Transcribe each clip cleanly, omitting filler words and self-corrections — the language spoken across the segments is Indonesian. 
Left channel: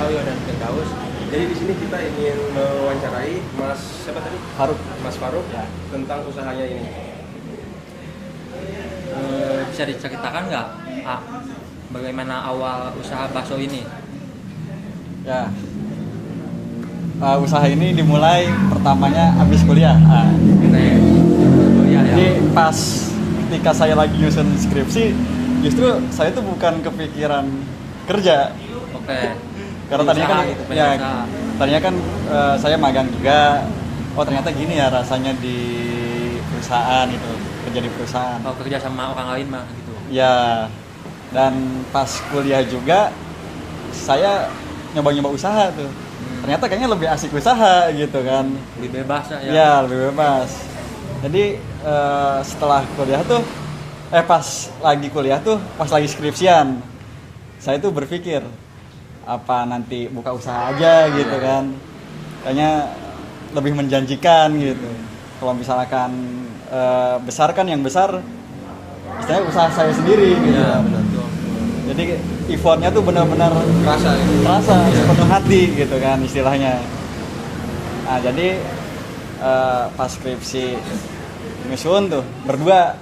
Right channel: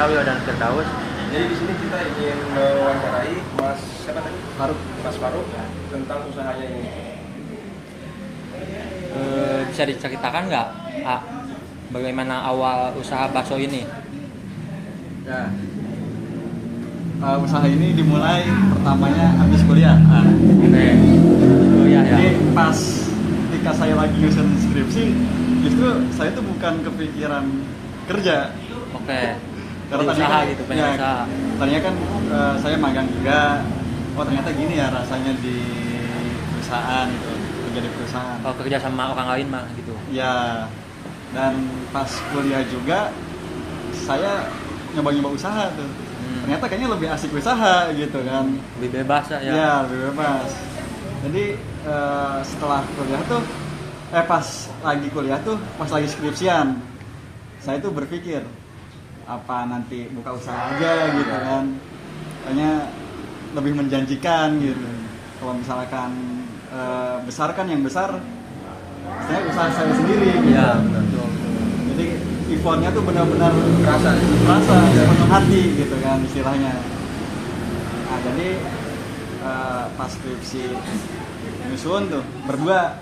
saya Wildan Firdaus. Jadi di sini kita ingin mewawancarai Mas siapa tadi? Faruk. Mas Faruk ya, tentang usahanya ini. Bisa diceritakan nggak, Pak, bagaimana awal usaha bakso ini? Ya. Usaha ini dimulai pertamanya habis kuliah. Oke. Oh iya ya. Jadi pas ketika saya lagi nyusun skripsi, justru saya tuh bukan kepikiran kerja. Oke. Karena tadinya kan, gitu, usaha. tadinya kan saya magang juga. Oh ternyata gini ya rasanya di perusahaan itu, kerja di perusahaan. Kalau kerja sama orang lain mah gitu. Ya. Dan pas kuliah juga saya nyoba-nyoba usaha tuh. Ternyata kayaknya lebih asik usaha gitu kan. Lebih bebas ya. Ya lebih bebas. Jadi setelah kuliah tuh, pas lagi kuliah tuh, pas lagi skripsian, saya tuh berpikir apa nanti buka usaha aja gitu kan. Kayaknya lebih menjanjikan gitu. Kalau misalkan besar kan yang besar, istilahnya usaha saya sendiri. Gitu. Iya betul. Jadi effortnya tuh benar-benar Kerasa ya. sepenuh hati gitu kan istilahnya. Nah jadi pas skripsi nyusun tuh berdua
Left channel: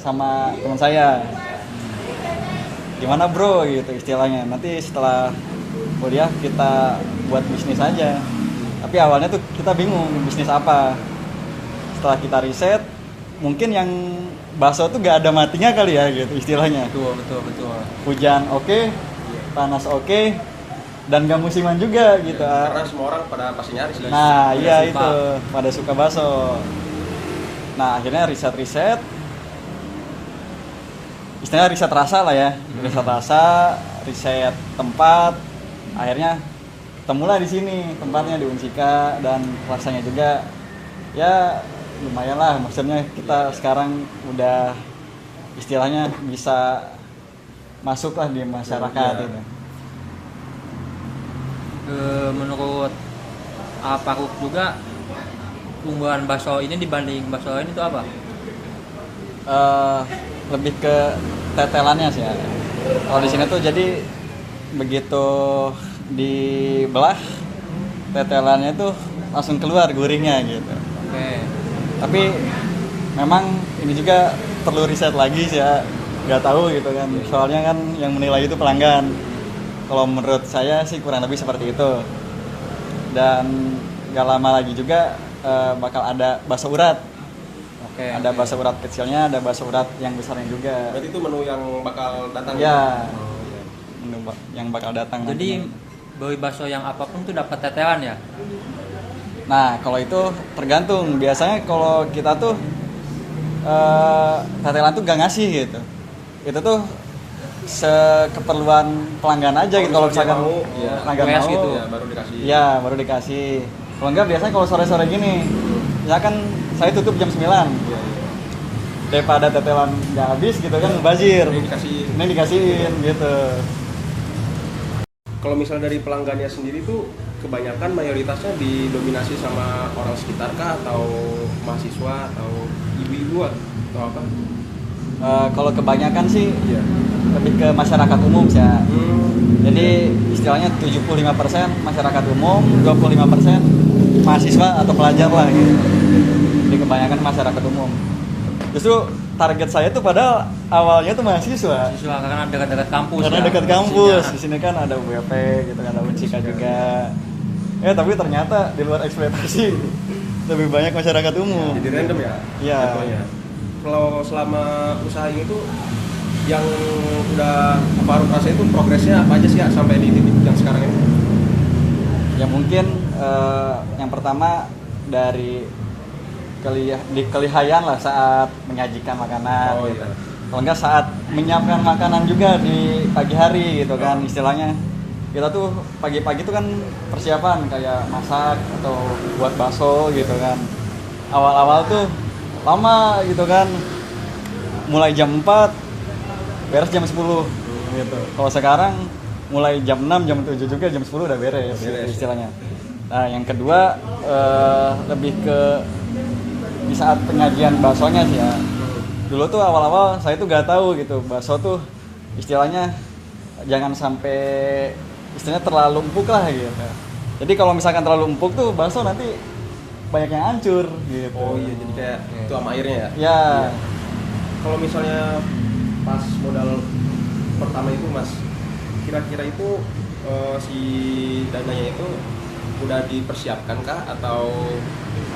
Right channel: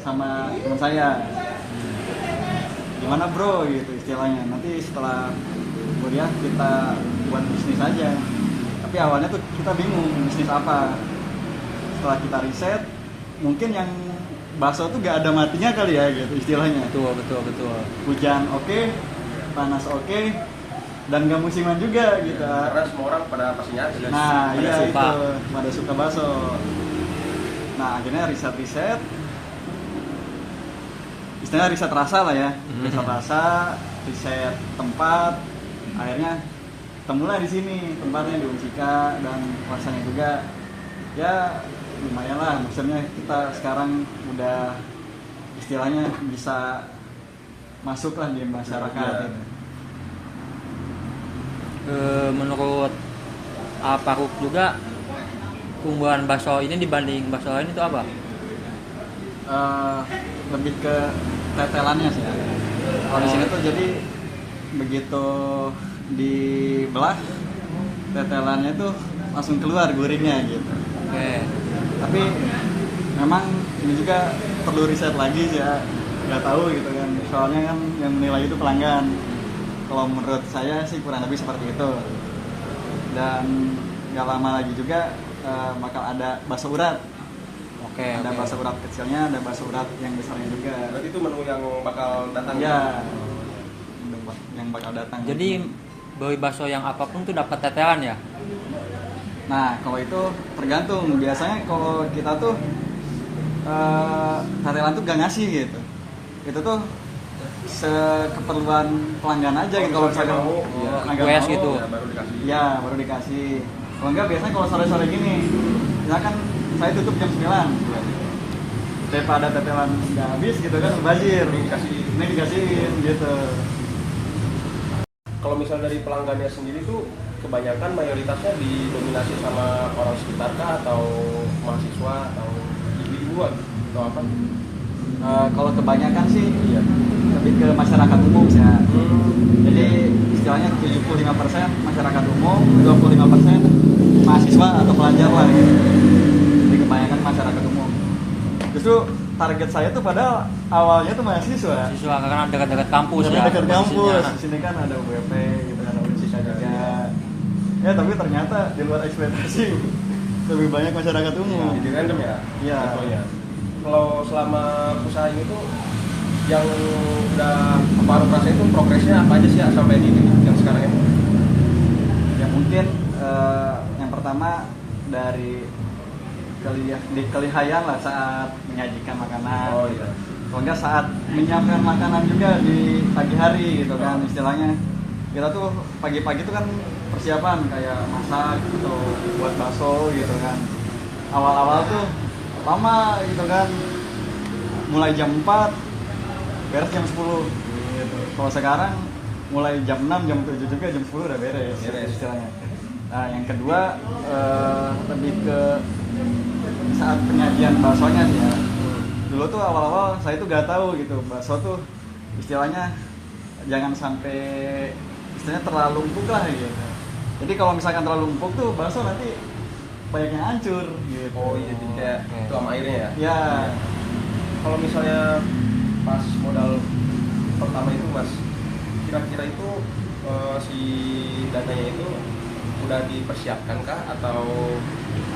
sama teman saya, gimana bro gitu istilahnya, nanti setelah kuliah kita buat bisnis aja. Tapi awalnya tuh kita bingung bisnis apa. Setelah kita riset, mungkin yang bakso tuh gak ada matinya kali ya gitu istilahnya. Betul. Hujan oke, panas oke, dan gak musiman juga gitu. Karena semua orang pada pasti nyari. Nah pada iya suka. itu, pada suka bakso. Nah akhirnya riset istilahnya riset rasa lah ya. Riset rasa, riset tempat. Akhirnya ketemulah di sini tempatnya di Unsika, dan rasanya juga ya lumayan lah, maksudnya kita sekarang udah istilahnya bisa masuk lah di masyarakat gitu. Menurut Faruk juga, keunggulan bakso ini dibanding bakso lain itu apa? Lebih ke tetelannya sih ya. Kalau di sini tuh jadi begitu dibelah, tetelannya tuh langsung keluar gurihnya gitu. Oke. Tapi memang ini juga perlu riset lagi sih ya, nggak tahu gitu kan, soalnya kan yang menilai itu pelanggan. Kalau menurut saya sih kurang lebih seperti itu. Dan nggak lama lagi juga bakal ada bakso urat. Ada bakso urat kecilnya, ada bakso urat yang besarnya juga. Berarti itu menu yang bakal datang. Ya, menu yang bakal datang. Jadi beli bakso yang apapun tuh dapat tetelan ya? Nah kalau itu tergantung, biasanya kalau kita tuh tetelan tuh gak ngasih gitu. Itu tuh sekeperluan pelanggan aja gitu. Kalau misalkan request gitu. Ya baru dikasih. Kalau enggak biasanya kalau sore-sore gini, misalkan saya tutup jam 9, daripada tetelan nggak habis gitu kan, mubazir, ini dikasihin gitu. Kalau misal dari pelanggannya sendiri tuh kebanyakan mayoritasnya didominasi sama orang sekitar kah, atau mahasiswa, atau ibu-ibu atau apa? Kalau kebanyakan sih lebih ke masyarakat umum ya. Jadi istilahnya 75% masyarakat umum, 25% mahasiswa atau pelajar lah gitu. Jadi kebanyakan masyarakat umum. Justru target saya tuh padahal awalnya tuh mahasiswa. Mahasiswa karena dekat-dekat kampus. Karena ya. dekat kampus. Posisinya. Di sini kan ada UWP gitu, ada Unsika juga. Tapi ternyata di luar ekspektasi lebih banyak masyarakat umum. Jadi random ya? Iya. Kalau selama usaha ini tuh yang udah baru rasa itu progresnya apa aja sih ya sampai di titik yang sekarang ini? Ya mungkin yang pertama dari kelihayan lah saat menyajikan makanan. Oh iya. Kalau enggak saat menyiapkan makanan juga di pagi hari gitu kan istilahnya. Kita tuh pagi-pagi tuh kan persiapan kayak masak atau buat bakso gitu kan. Awal-awal tuh lama gitu kan. Mulai jam 4 beres jam 10 gitu. Kalau sekarang mulai jam 6, jam 7 juga jam 10 udah beres. Istilahnya. Nah, yang kedua lebih ke di saat penyajian baksonya sih ya. Dulu tuh awal-awal saya tuh gak tahu gitu bakso tuh istilahnya jangan sampai istilahnya terlalu empuk lah gitu. Jadi kalau misalkan terlalu empuk tuh bakso nanti banyak yang hancur gitu. Oh iya, jadi kayak tuam airnya ya. Ya. Kalau misalnya pas modal pertama itu Mas, kira-kira itu si dananya itu udah dipersiapkan kah atau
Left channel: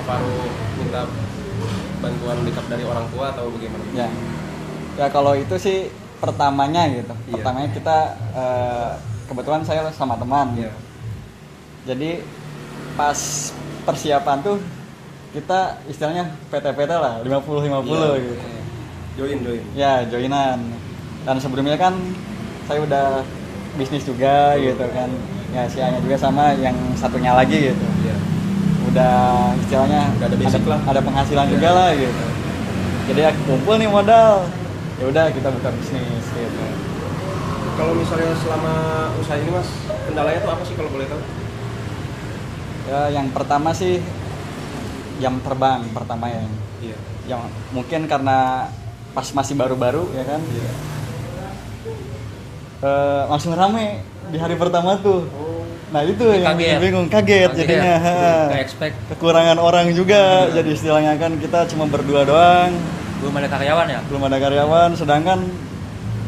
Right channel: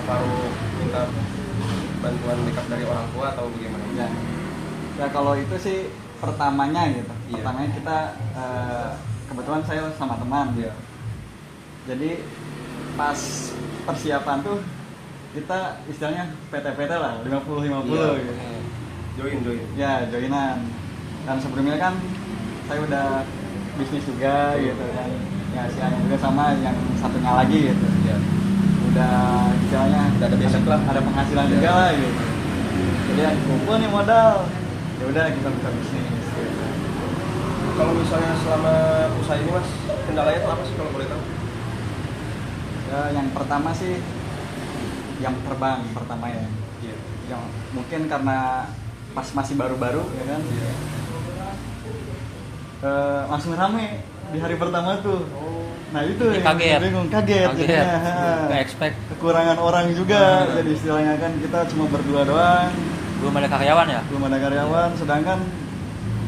apa harus minta bantuan dekat dari orang tua atau bagaimana? Ya. Ya kalau itu sih pertamanya gitu. Iya. Pertamanya kita kebetulan saya sama teman. Iya. Jadi pas persiapan tuh kita istilahnya PT-PT lah 50-50 Iya. gitu. Join. Ya joinan. Dan sebelumnya kan saya udah bisnis juga gitu kan. Ya si Anya juga sama yang satunya lagi gitu. Iya. Udah istilahnya Udah ada basic lah. ada penghasilan Iya. juga lah gitu. Jadi ya kumpul nih modal. Ya udah kita buka bisnis gitu. Kalau misalnya selama usaha ini Mas, kendalanya tuh apa sih kalau boleh tahu? Ya, yang pertama sih jam terbang pertama ya. Iya. Yang mungkin karena pas masih baru-baru ya kan. Iya. Langsung rame di hari pertama tuh. Nah itu Jadi yang kaget. bingung, kaget jadinya. Nggak expect. Kekurangan orang juga, jadi istilahnya kan kita cuma berdua doang, Belum ada karyawan ya? belum ada karyawan. Sedangkan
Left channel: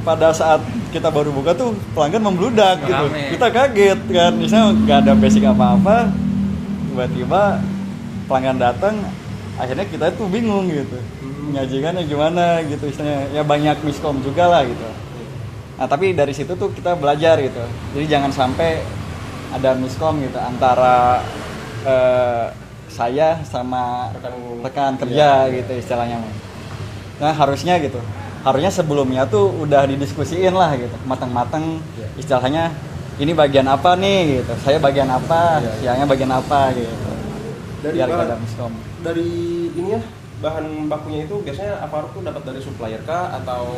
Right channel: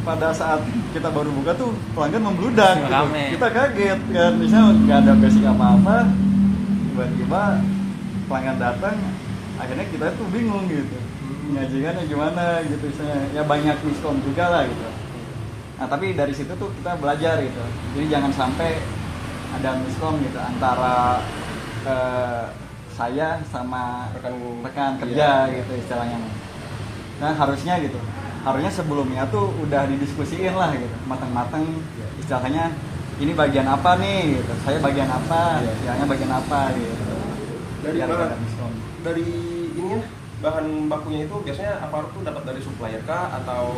pada saat kita baru buka tuh pelanggan membludak gitu. Rame. Kita kaget kan, misalnya nggak ada basic apa-apa, tiba-tiba pelanggan datang, akhirnya kita tuh bingung gitu, menyajikannya gimana gitu, istilahnya ya banyak miskom juga lah gitu. Nah tapi dari situ tuh kita belajar gitu, jadi jangan sampai ada miskom gitu antara saya sama rekan kerja gitu istilahnya. Nah harusnya gitu, harusnya sebelumnya tuh udah didiskusiin lah gitu, matang-matang istilahnya ini bagian apa nih gitu, saya bagian apa, siangnya bagian apa gitu. Dari Biar bahan, nggak ada miskom. dari ini ya, bahan bakunya itu biasanya apa tuh dapat dari supplier kah atau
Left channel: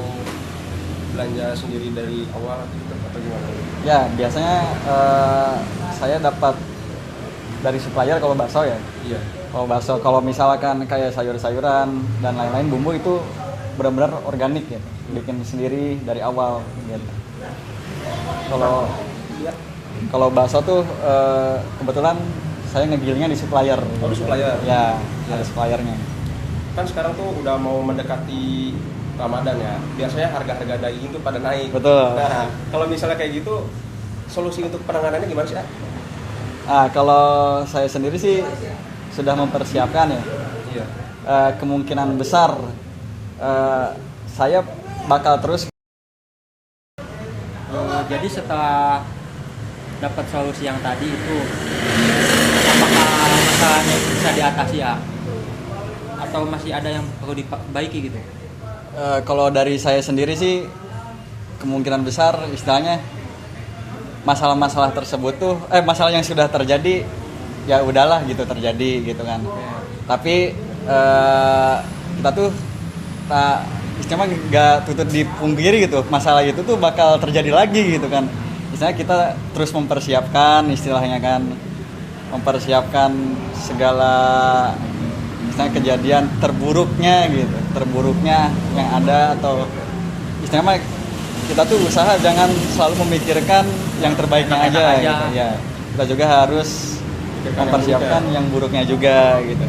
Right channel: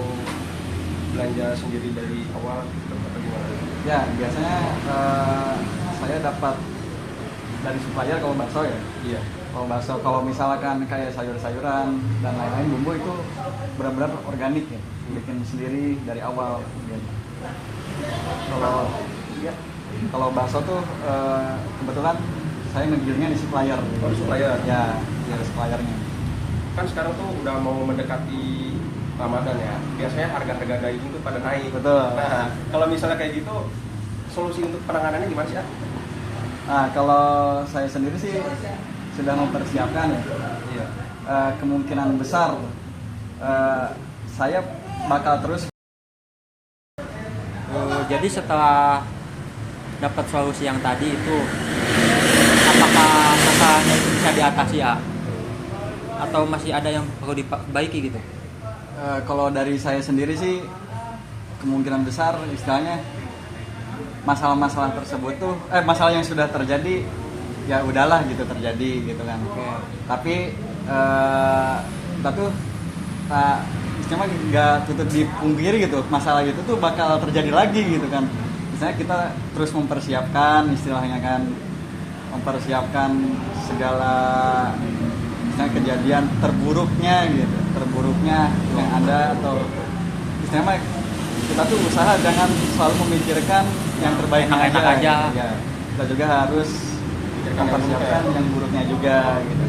belanja sendiri dari awal gitu atau gimana? Ya biasanya saya dapat dari supplier kalau bakso ya. Iya. Kalau bakso, kalau misalkan kayak sayur-sayuran dan lain-lain bumbu itu benar-benar organik gitu, bikin sendiri dari awal gitu. Kalau bakso tuh kebetulan saya ngegilingnya di supplier. Oh, di supplier. Ya, ada suppliernya. Kan sekarang tuh udah mau mendekati Ramadan ya. Biasanya harga-harga daging tuh pada naik. Betul. Nah, kalau misalnya kayak gitu, solusi untuk penanganannya gimana sih, Kak? Nah, kalau saya sendiri sih sudah mempersiapkan ya. Iya. Kemungkinan besar saya bakal terus. Jadi setelah dapat solusi yang tadi itu, apakah masalahnya itu bisa diatasi ya? Atau masih ada yang perlu diperbaiki gitu? Kalau dari saya sendiri sih kemungkinan besar istilahnya masalah-masalah tersebut tuh masalah yang sudah terjadi ya udahlah gitu terjadi gitu kan. Tapi kita tuh istilahnya nggak tutup dipungkiri gitu, masalah itu tuh bakal terjadi lagi gitu kan. Istilahnya kita terus mempersiapkan istilahnya kan, mempersiapkan segala istilahnya kejadian terburuknya gitu, terburuknya yang ada, atau istilahnya kita tuh usaha jangan selalu memikirkan yang terbaiknya Enak-enak aja. gitu. Ya, kita juga harus mempersiapkan yang buruknya juga gitu.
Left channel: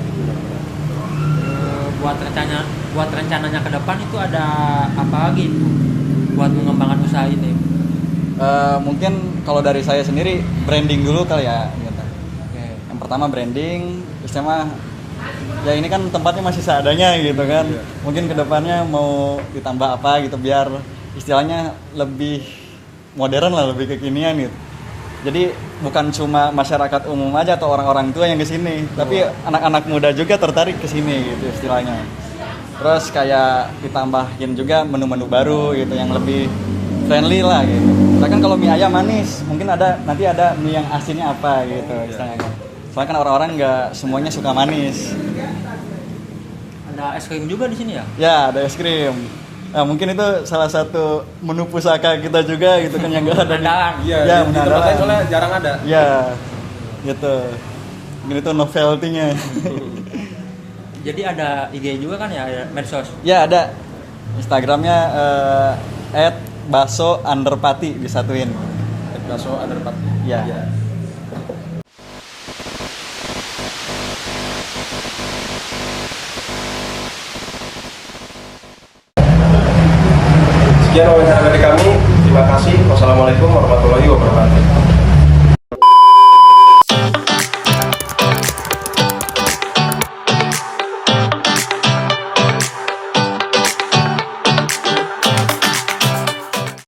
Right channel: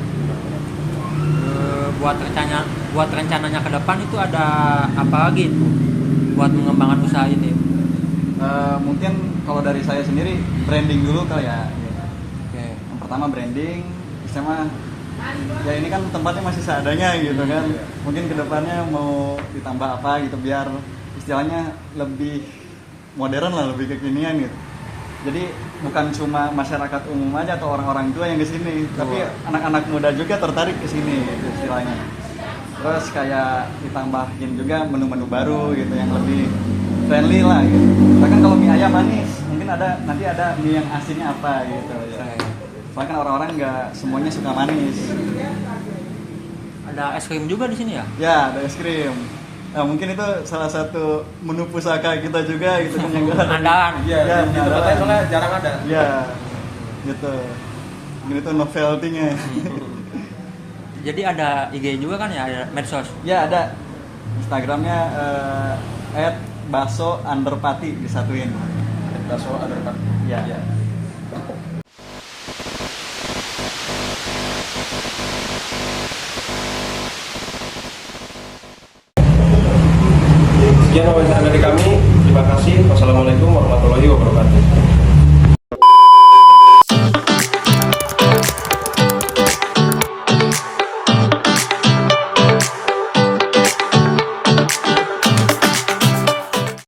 Buat rencananya ke depan itu ada apa lagi itu buat mengembangkan usaha ini? Mungkin kalau dari saya sendiri branding dulu kali ya gitu. Oke. Yang pertama branding, istilahnya ya ini kan tempatnya masih seadanya gitu kan. Mungkin kedepannya mau ditambah apa gitu biar istilahnya lebih modern lah, lebih kekinian gitu. Jadi bukan cuma masyarakat umum aja atau orang-orang tua yang kesini, tapi anak-anak muda juga tertarik ke sini gitu istilahnya. Terus kayak ditambahin juga menu-menu baru gitu yang lebih friendly lah gitu. Bahkan kalau mie ayam manis, mungkin nanti ada mie yang asinnya apa gitu istilahnya. Soalnya kan orang-orang nggak semuanya suka manis. Ada es krim juga di sini ya? Ya, ada es krim. Nah, mungkin itu salah satu menu pusaka kita juga gitu kan yang nggak ada. Andalan. Iya, Ya, di tempat lain soalnya jarang ada. Ya, gitu. Mungkin itu novelty-nya. Jadi ada IG juga kan ya, ada medsos. Ya, ada. Instagramnya @baso_pati disatuin. bakso Underparty. Iya. Ya. Sekian wawancara dari kami. Terima kasih. Wassalamualaikum warahmatullahi wabarakatuh.